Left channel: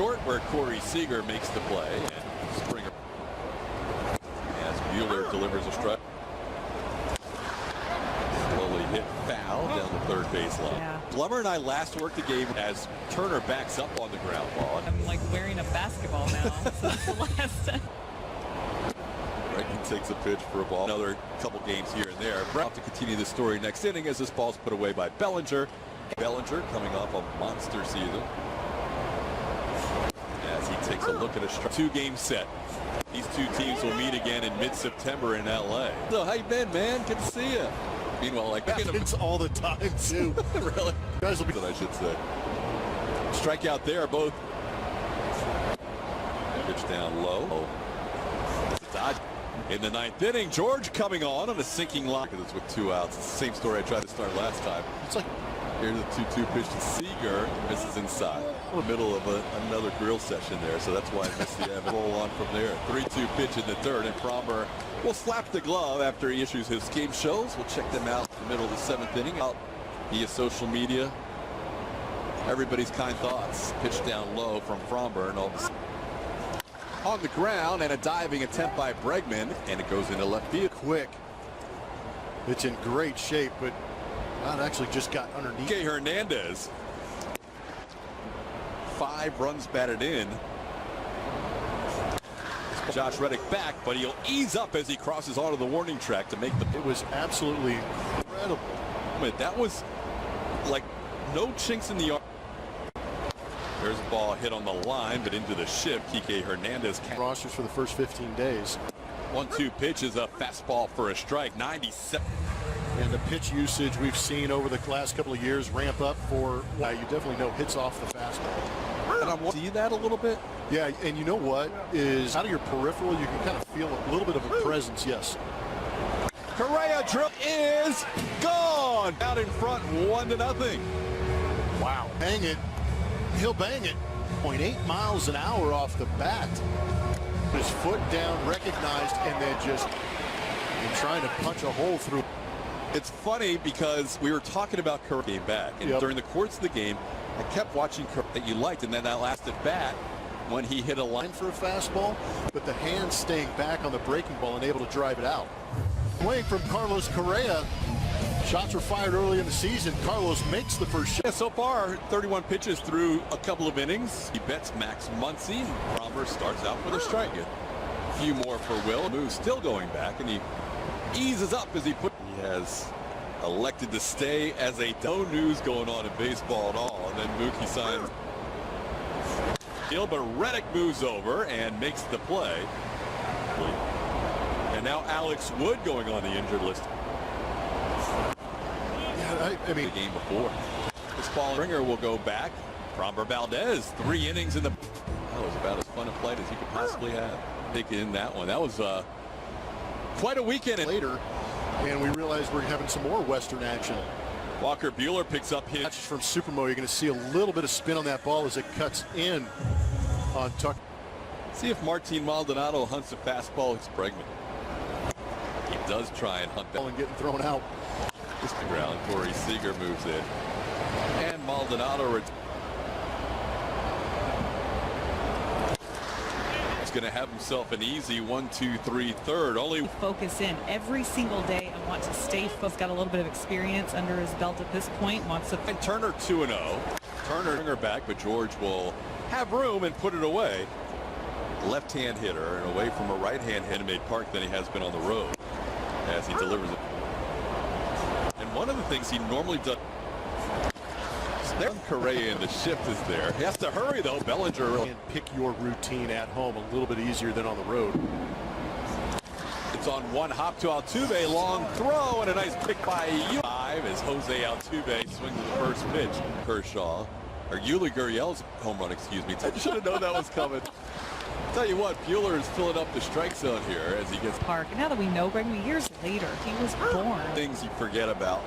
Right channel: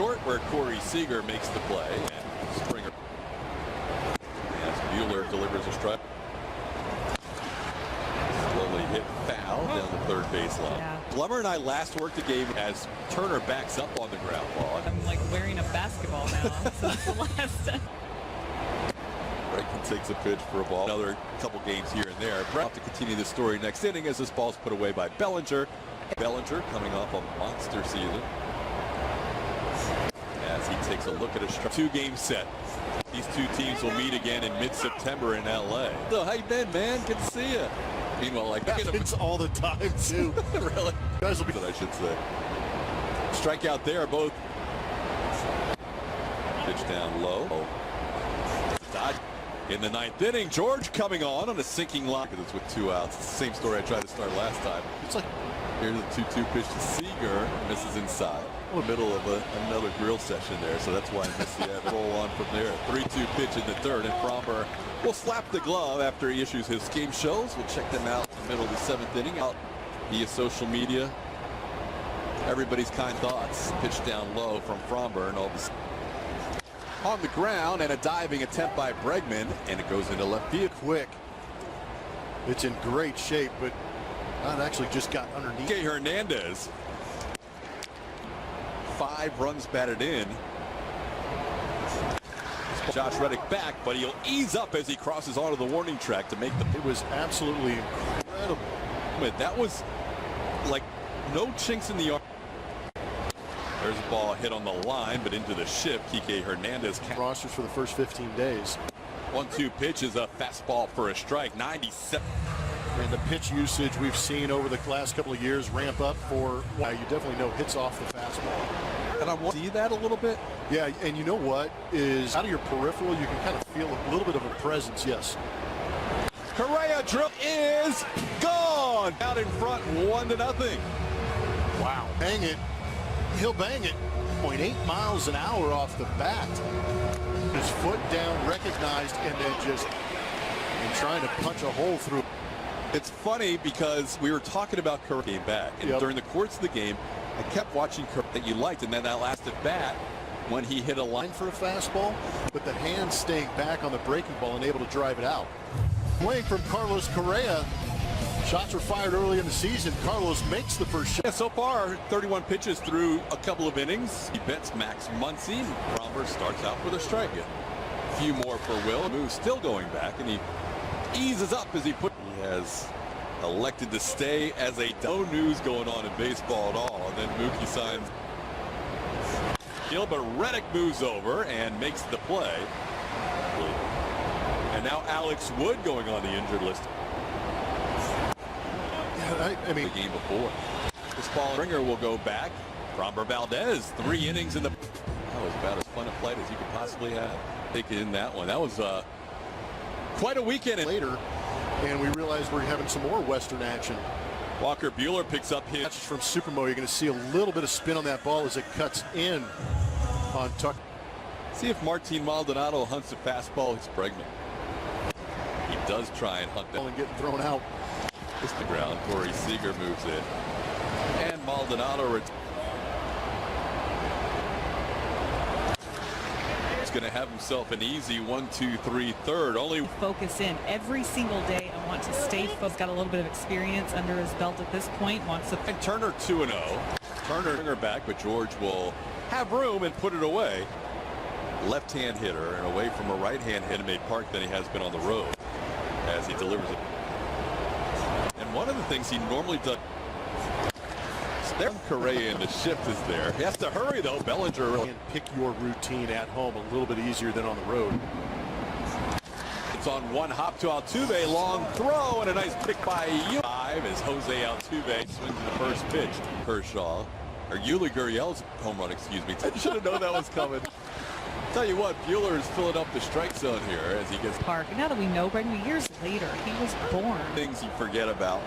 Short where Corey Seager makes the play. And Springer. As Mueller delivers a strike. Slowly hit foul down the third baseline. Yeah. Plummer and I last worked a game as Turner backs up on the ground ball. I'm like wearing a basketball now. So that's the last time. Bregman takes a pitch for a ball. Another couple games here and there. We're out to continue the story next inning as this ball's put away by Bellinger. Bellinger coming off a monster season. As he takes a look at a two-game set. These two teams will meet again in mid-September in LA. So how you been, man? Good to see you. Meanwhile, like it's all the time too. Really? Guys will be, I should say. Strikeout there, both. Pitch down low. Dodge. In the ninth inning, George coming on a sinking line. It's with 2 outs. It's the same story I tried to start last time. It's like here's the 2-2 pitch to Seager. Misses inside. In the middle of another grill session there, so that's why I missed the roll on from there. 3-2 pitch in the third, and Fromber will slap the glove after he issues his game shows. We'll check them out in the middle of the 7th inning. Out via social media. Everybody's kind thoughts. Pitch down low from Fromber, and all of a sudden on the ground, and a diving attempt by Bregman, and it goes into left field. quick. It's in great shape, but it actually just got underneath. Okay, Hernandez. 5 runs batted in. Josh Reddick back, but he'll ease up as he crosses onto the warning track to make the. It was absolutely incredible. But that was like no chinks in the arm. There's a ball hit on the line, but into the shift. Kike Hernandez. Rosters for the first 15 days. 1-2 pitch is a fastball for a strike. 97. And the pitch usage we've seen over the last couple of years ramp up for, you definitely know hits off the fastball. And I want to see that a little bit. Yeah, and you know what is out of your peripheral, you can kind of feel a little bit of a presence, yes. Correa drill is gone. Out in front, 1-0. Wow. Bang it. He'll bang it. 0.8 miles an hour off the bat. His foot down, recognized, and then just trying to punch a hole through. It's funny because we were talking about Correa back, and during the course of the game, I kept watching Correa that you liked, and then that last at bat, when he hit a line for a fastball, but the hand staying back on the breaking ball and able to drive it out. Away from Carlos Correa. Shots were fired early in the season. Carlos makes the first shot. Yeah, so far, 31 pitches through a couple of innings. He bets Max Muncy. Robert starts out with a strikeout. A few more for Will. Moves still going back, and he eases up as he has elected to stay as a no news going on in baseball at all. And then Mookie signs. But Reddick moves over and makes the play. And now Alex Wood going on the injured list. I mean, the game before. This ball Springer will go back. Framber Valdez, 3 innings in the. That was about as fun a play as you could possibly have. Take in that one. That was quite a weekend. Later, and we realize we're having some more Western action. Walker Buehler picks up his from Supermo. You're going to see a little bit of spin on that ball as it cuts in on Tuck. See if Martin Maldonado hunts a fastball. It's Bregman. He does try and hunt that. And getting thrown out. It's the ground. Corey Seager moves in. And Maldonado is going to have himself an easy 1-2-3 third. Only focus in every single day. I want to stay focused. Got a little bit of experience under his belt at this point. Wants to. Turner 2-0. Turner back, but George will have room and put it away. Left-hand hitter and away from a right-hand hitter made Park than he has been on the road as he delivers it. And one of the things he normally does. There, Correa in the shift is there. He has to hurry though. Bellinger and pick your routine at home a little bit easier than on the road. It's on one hop to Altuve, long throw, and a nice pick by you. As Jose Altuve swings the first pitch. Kershaw, or Yuli Gurriel's home run, excuse me. I should have known that was coming. Tell you what, Buehler is filling up the strike zone here as he gets. Park. Now that we know Bregman, years later, he was born. Things you forget about.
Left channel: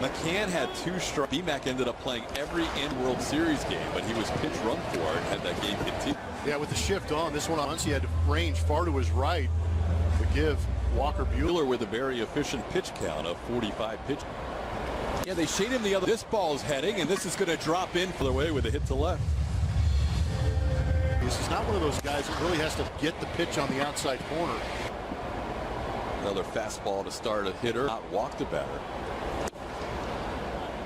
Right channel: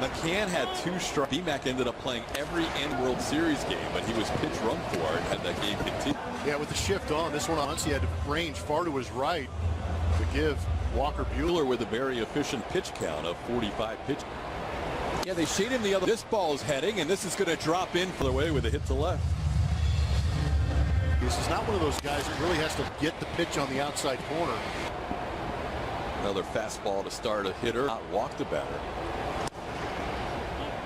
McCann had 2 strikes. BMAC ended up playing every World Series game, but he was pitch run for it had that game continued. Yeah, with the shift on, this one honestly had range far to his right to give Walker Buehler with a very efficient pitch count of 45 pitches. Yeah, they shade him the other. This ball is heading, and this is going to drop in for the way with a hit to left. He's not one of those guys that really has to get the pitch on the outside corner. Another fastball to start a hitter. Not walk the batter.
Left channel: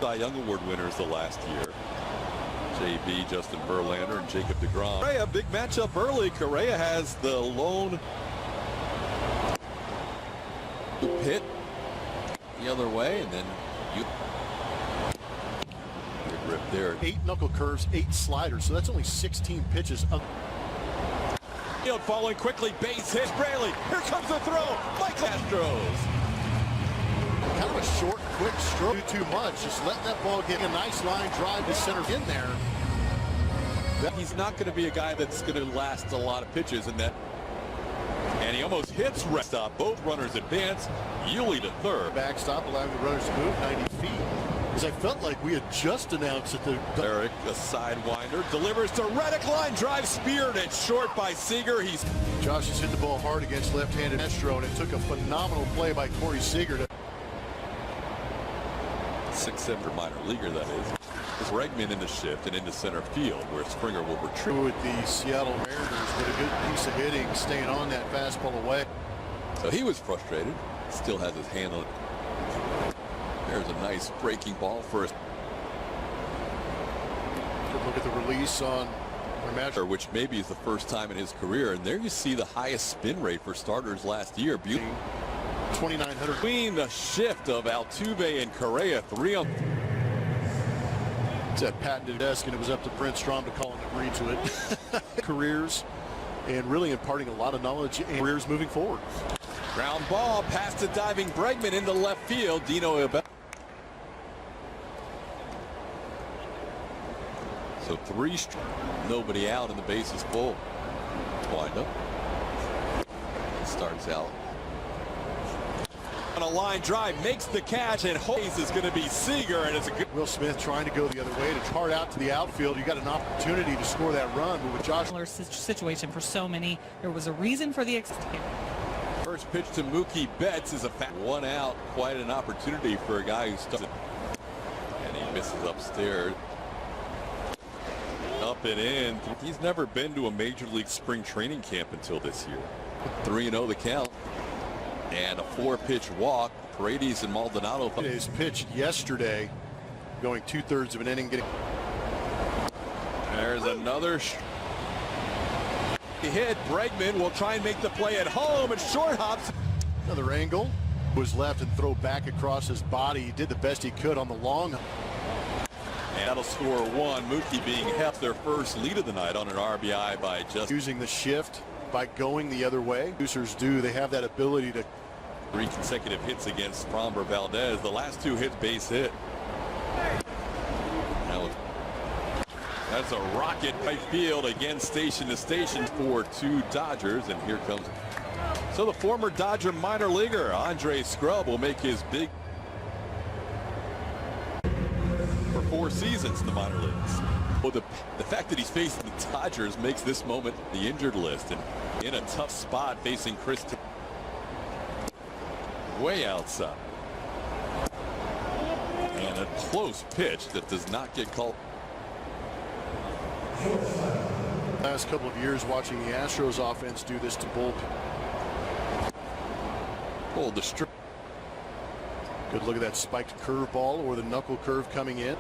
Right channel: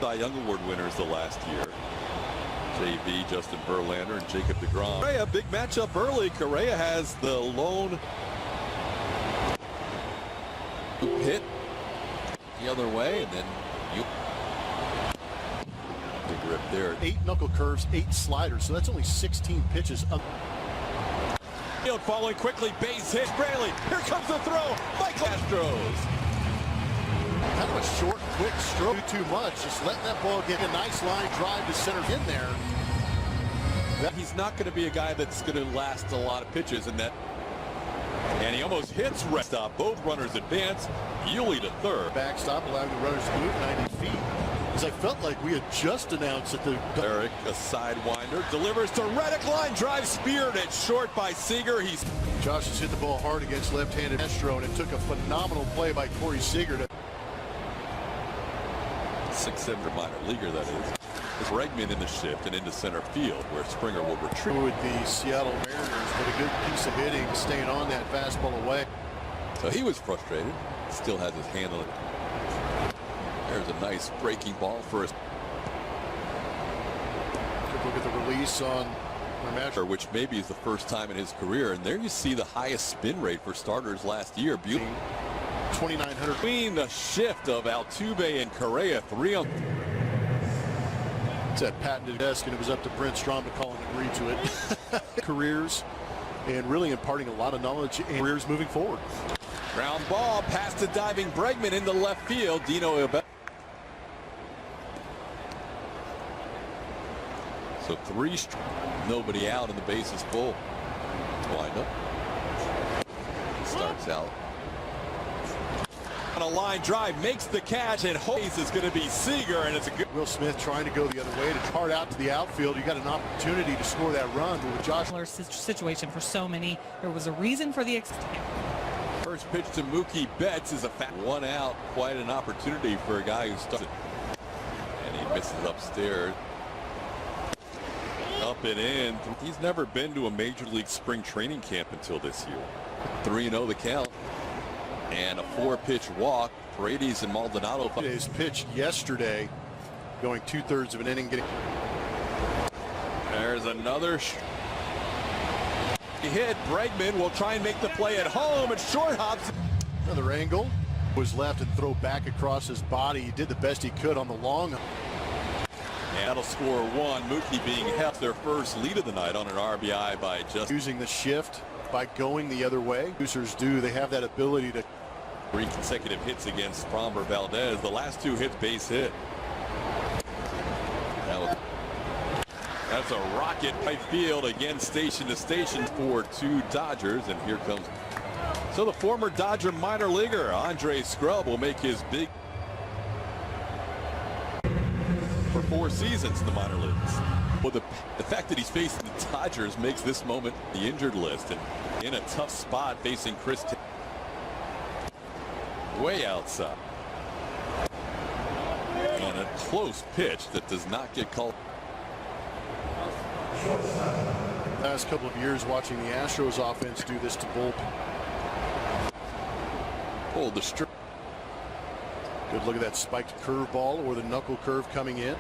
Cy Young Award winners the last year. JB, Justin Verlander, and Jacob deGrom. Correa, big matchup early. Correa has the lone hit the other way, and then you rip there. 8 knuckle curves, 8 sliders, so that's only 16 pitches up. Field following quickly, base hit. Braley, here comes the throw. Michael Astros. Kind of a short, quick stroke. Too much. Just letting that ball get a nice line drive to center in there. He's not going to be a guy that's going to last a lot of pitches in that. And he almost hits rest stop. Both runners advance. Yuli to third. Backstop allowing the runners to move 90 feet. As I felt like we had just announced that the Eric, a sidewinder, delivers to Reddick, line drive, speared at short by Seager. Josh has hit the ball hard against left-handed Astro, and it took a phenomenal play by Corey Seager. 6'7" minor leaguer, that is. Is Bregman in the shift and into center field, where Springer will retreat. With the Seattle Mariners, but a good piece of hitting, staying on that fastball away. So he was frustrated. Still has his hand on it. There's a nice breaking ball for us. Look at the release on our match. Which maybe is the first time in his career. And there you see the highest spin rate for starters last year. Beautiful. 2,900. Being the shift of Altuve and Correa, 3 of It's that patented desk, and it was up to Brent Strom to call and agree to it. Careers, and really imparting a lot of knowledge and careers moving forward. Ground ball past to diving Bregman into left field. Dino Abel. So 3 nobody out, and the base is full. Wind up. Starts out. On a line drive, makes the catch, and Hoyes is going to be Seager, and it's a good. Will Smith trying to go the other way to chart out to the outfield. You got an opportunity to score that run with Josh. Situation for so many. There was a reason for the First pitch to Mookie Betts is a 1 out. Quite an opportunity for a guy who's stuck. And he misses upstairs. Up and in. He's never been to a major league spring training camp until this year. 3-0 the count. And a 4-pitch walk. Brady's and Maldonado. His pitch yesterday, going 2/3 of an inning. There's another hit. Bregman will try and make the play at home. It's short hops. Another angle was left and throw back across his body. He did the best he could on the long. And that'll score 1. Mookie being helped their first lead of the night on an RBI by just using the shift by going the other way. Producers do. They have that ability to. 3 consecutive hits against Framber Valdez. The last 2 hits base hit. That's a rocket right field again, station to station for 2 Dodgers, and here comes. So the former Dodger minor leaguer Andre Scrub will make his big for 4 seasons in the minor leagues. Well, the fact that he's facing the Dodgers makes this moment the injured list, and in a tough spot facing Chris way outside. And a close pitch that does not get called. Last couple of years watching the Astros offense do this to bullpen. Pulled the strip. Good look at that spiked curveball or the knuckle curve coming in.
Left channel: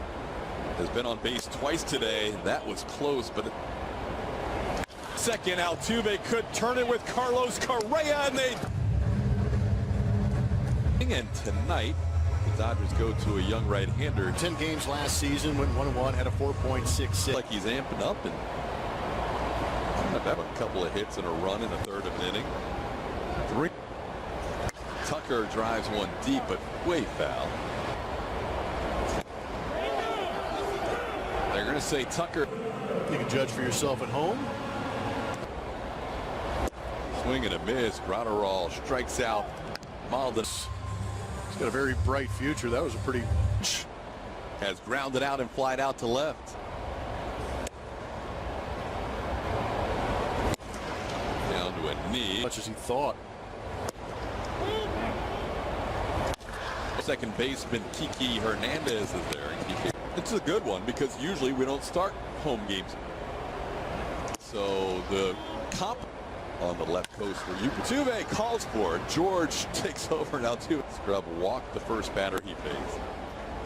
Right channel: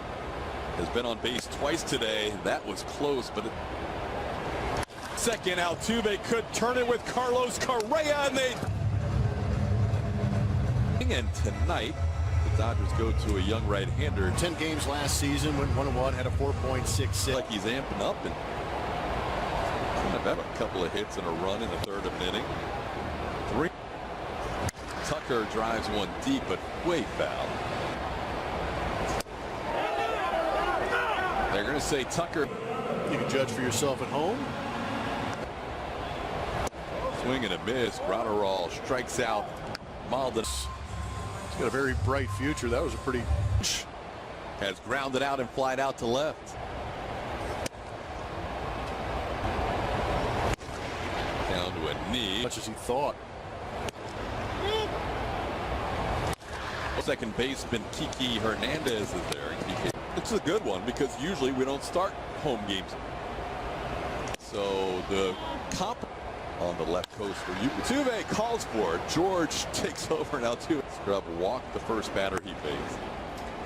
Has been on base twice today. That was close, but second Altuve could turn it with Carlos Correa, and they. And tonight, the Dodgers go to a young right-hander. 10 games last season, went 1-1, had a 4.66. Like he's amping up, and a couple of hits and a run in the 3rd of inning. 3. Tucker drives 1 deep, but way foul. They're going to say Tucker. You can judge for yourself at home. Swing and a miss. Graterol strikes out Maldonado. Got a very bright future. That was a pretty. Has grounded out and flied out to left. Down to a knee. As much as he thought. Second baseman Kiki Hernandez is there. It's a good one because usually we don't start home games. So the comp on the left coast. Altuve calls for it. George takes over now too. Scrub walked the first batter he faced.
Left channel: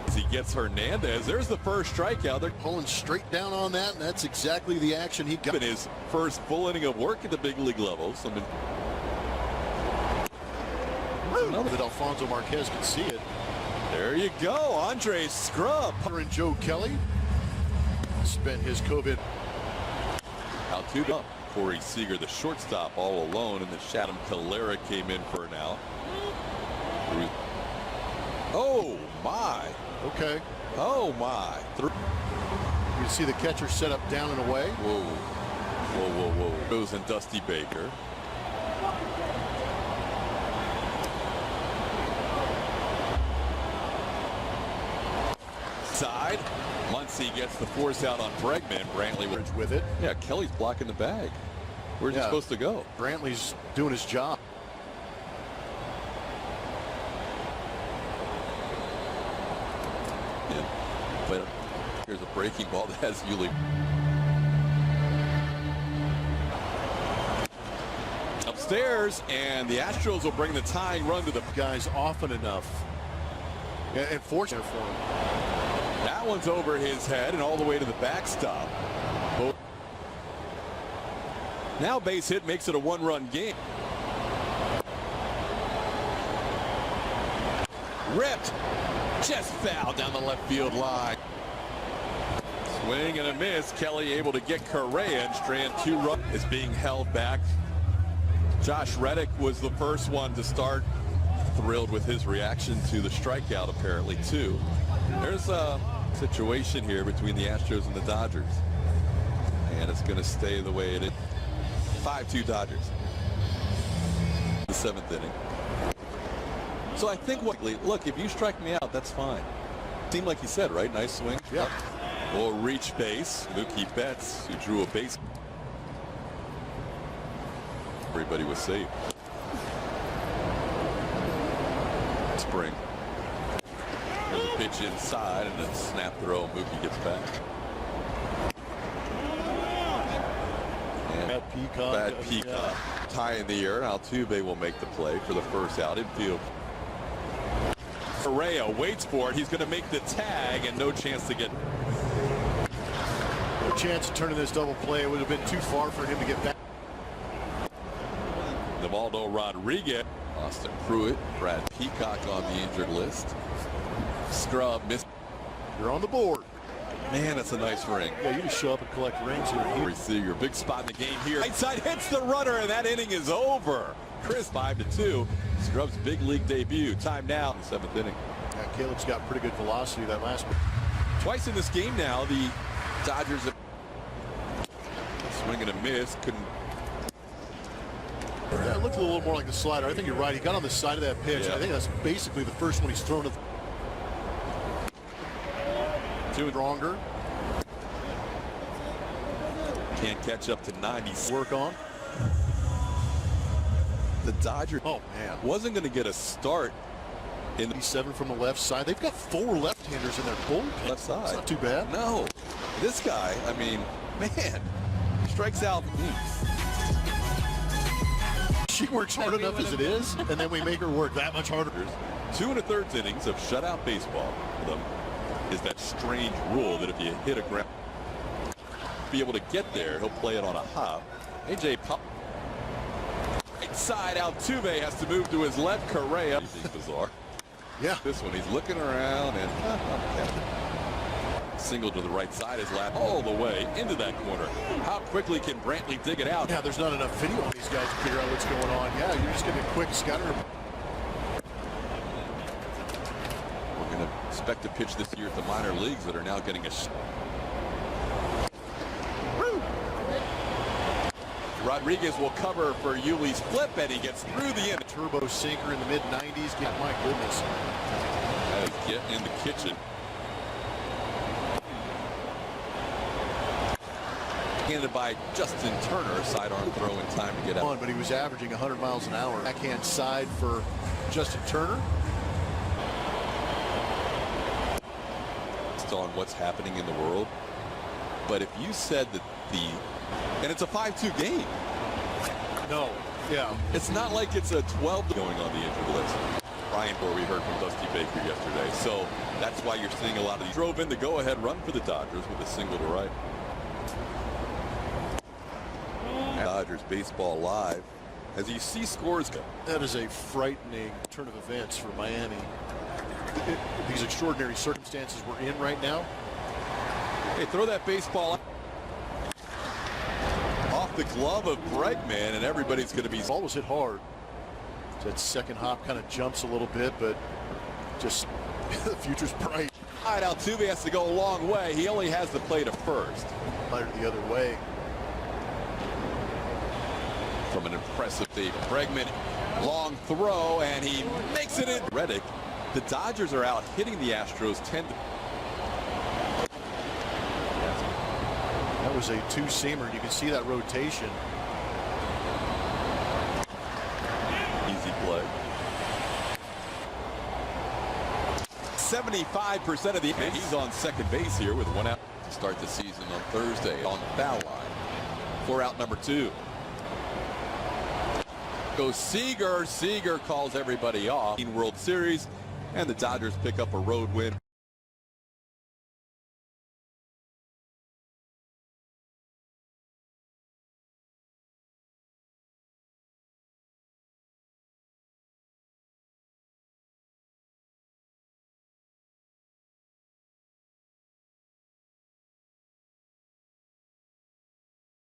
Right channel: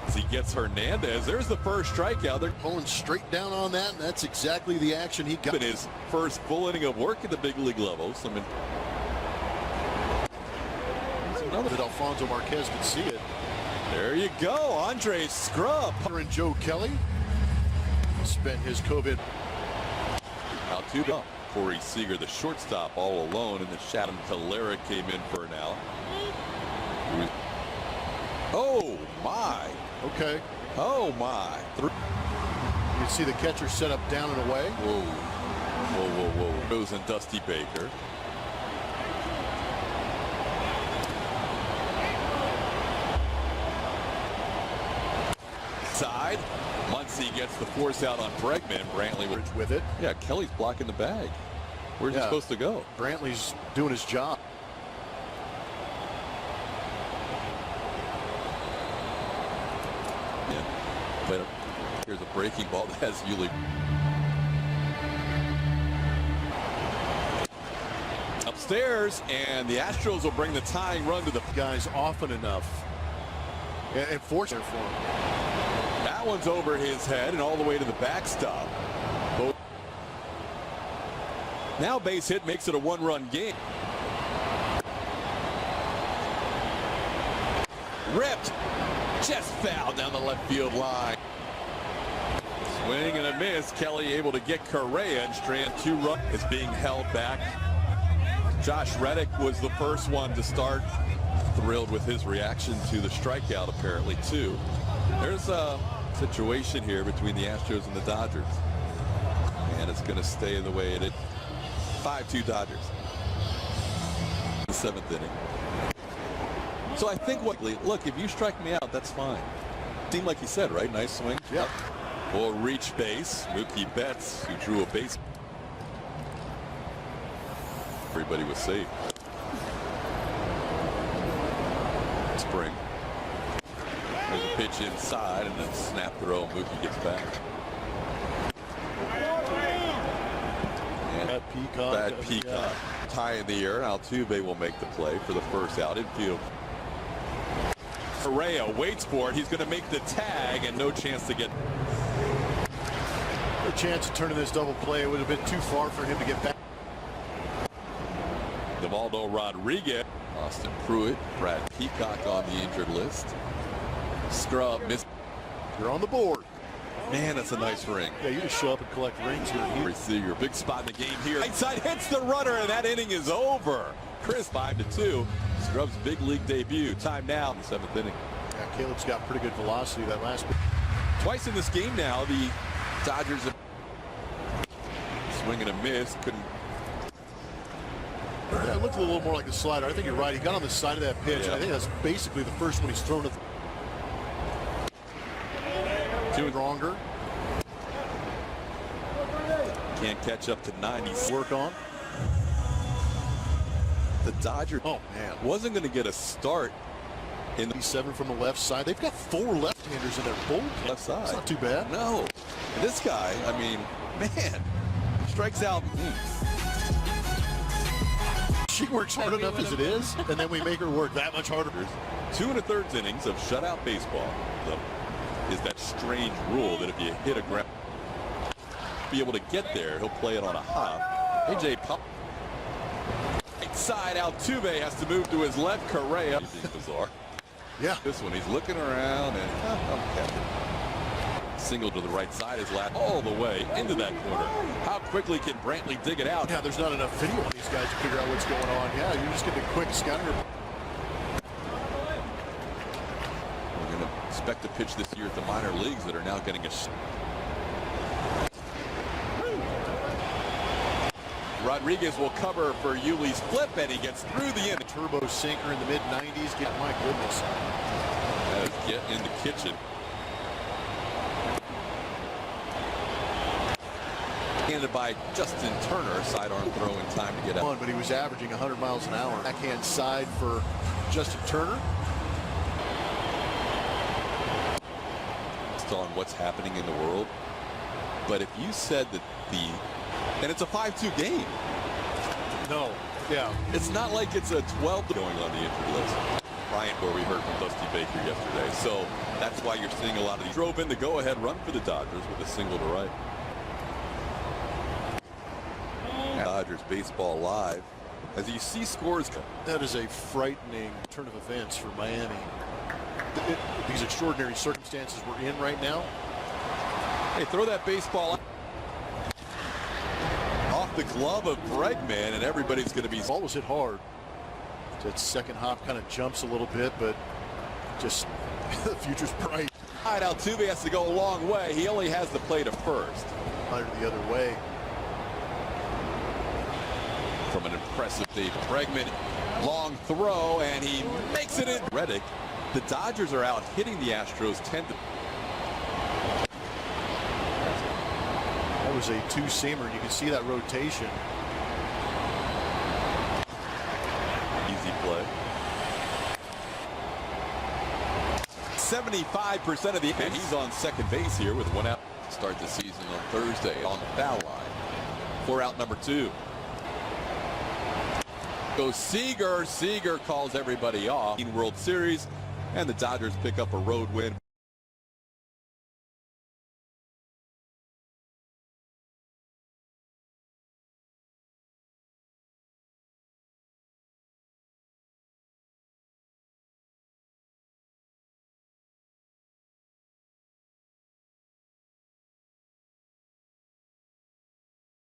As he gets Hernandez, there's the first strikeout. They're Pulling straight down on that, and that's exactly the action he got. in his first full inning of work at the big league levels. I mean, Another that Alfonso Marquez can see it. there you go, Andre Scrub. And Joe Kelly spent his COVID. Altuve. Corey Seager, the shortstop, all alone, and the Shadow Calera came in for now. Oh my! Okay. Oh my! You see the catcher set up down and away. Whoa! Whoa! Whoa! Whoa! Goes in Dusty Baker. Side. Muncy gets the force out on Bregman. Brantley With it. Yeah, Kelly's blocking the bag. Where's he supposed to go? Brantley's doing his job. Yeah. But here's a breaking ball that has Julio. Upstairs, and the Astros will bring the tying run to the Guys often enough. And fortunate for him. That one's over his head and all the way to the backstop. Now base hit makes it a one-run game. Ripped. Just foul down the left field line. Swing and a miss. Kelly able to get Correa and strand 2 runs. Is being held back. Josh Reddick was the first one to start. Thrilled with his reaction to the strikeout, apparently, too. There's a situation here between the Astros and the Dodgers. And it's going to stay the way it is. 5-2 Dodgers. The 7th inning. So I think, look, if you strike me out, that's fine. Seemed like you said, right? Nice swing. Yeah. Or reach base. Mookie Betts, who drew a base. Everybody was safe. Spring. There's a pitch inside and then snap throw. Mookie gets back. Bad Peacock. Bad Peacock. Tie in the air. Altuve will make the play for the first out infield. Correa waits for it. He's going to make the tag and no chance to get. A chance of turning this double play. It would have been too far for him to get back. Nivaldo Rodriguez. Austin Pruitt. Brad Peacock on the injured list. Scrub missed. You're on the board. Man, it's a nice ring. Yeah, you just show up and collect rings here. Corey Seager, big spot in the game here. Right side hits the runner, and that inning is over. Chris 5-2. Scrub's big league debut. Time now, 7th inning. Yeah, Caleb's got pretty good velocity that last one. Twice in this game now, the Dodgers have swing and a miss. Couldn't. That looked a little more like the slider. I think you're right. He got on the side of that pitch, and I think that's basically the first one he's thrown it. Too stronger. Can't catch up to 90. Work on. The Dodgers wasn't going to get a start in the 7 from the left side. They've got 4 left-handers in their bullpen. left side. That's not too bad. No. This guy, I mean, man, he strikes out. She works hard enough as it is, and then we make her work that much harder. 2 1/3 innings of shutout baseball. Is that strange rule that if you hit a ground, be able to get there, he'll play it on a hop. AJ Pop. Right side, Altuve has to move to his left. Correa. Bizarre. Yeah. This one, he's looking around and single to the right side is lap all the way into that corner. How quickly can Brantley dig it out? Yeah, there's not enough video on these guys to figure out what's going on. Yeah, you're just getting a quick scatter. We're going to expect a pitch this year at the minor leagues that are now getting a Rodriguez will cover for Yuli's flip, and he gets through the end. Turbo sinker in the mid-90s. My goodness. Get in the kitchen. Handed by Justin Turner. Sidearm throw in time to get out. But he was averaging 100 miles an hour. Backhand side for Justin Turner. On what's happening in the world. But if you said that and it's a 5-2 game. No. Yeah. It's not like it's a 12 going on the injured list. Ryan, where we heard from Dusty Baker yesterday. So that's why you're seeing a lot of these. Drove in the go-ahead run for the Dodgers with a single to right. Dodgers baseball live as you see scores go. That is a frightening turn of events for Miami. These extraordinary circumstances we're in right now. Hey, throw that baseball off the glove of Bregman, and everybody's going to be. Ball was hit hard. That second hop kind of jumps a little bit, but just the future's bright. All right, Altuve has to go a long way. He only has to play to first. Fired the other way. From an impressive deep. Bregman, long throw, and he makes it in. Reddick, the Dodgers are out hitting the Astros 10. That was a two-seamer. You can see that rotation. Easy play. 75% of the, and he's on second base here with one out to start the season on Thursday on the foul line. 4 out number 2. Goes Seager. Seager calls everybody off in World Series, and the Dodgers pick up a road win.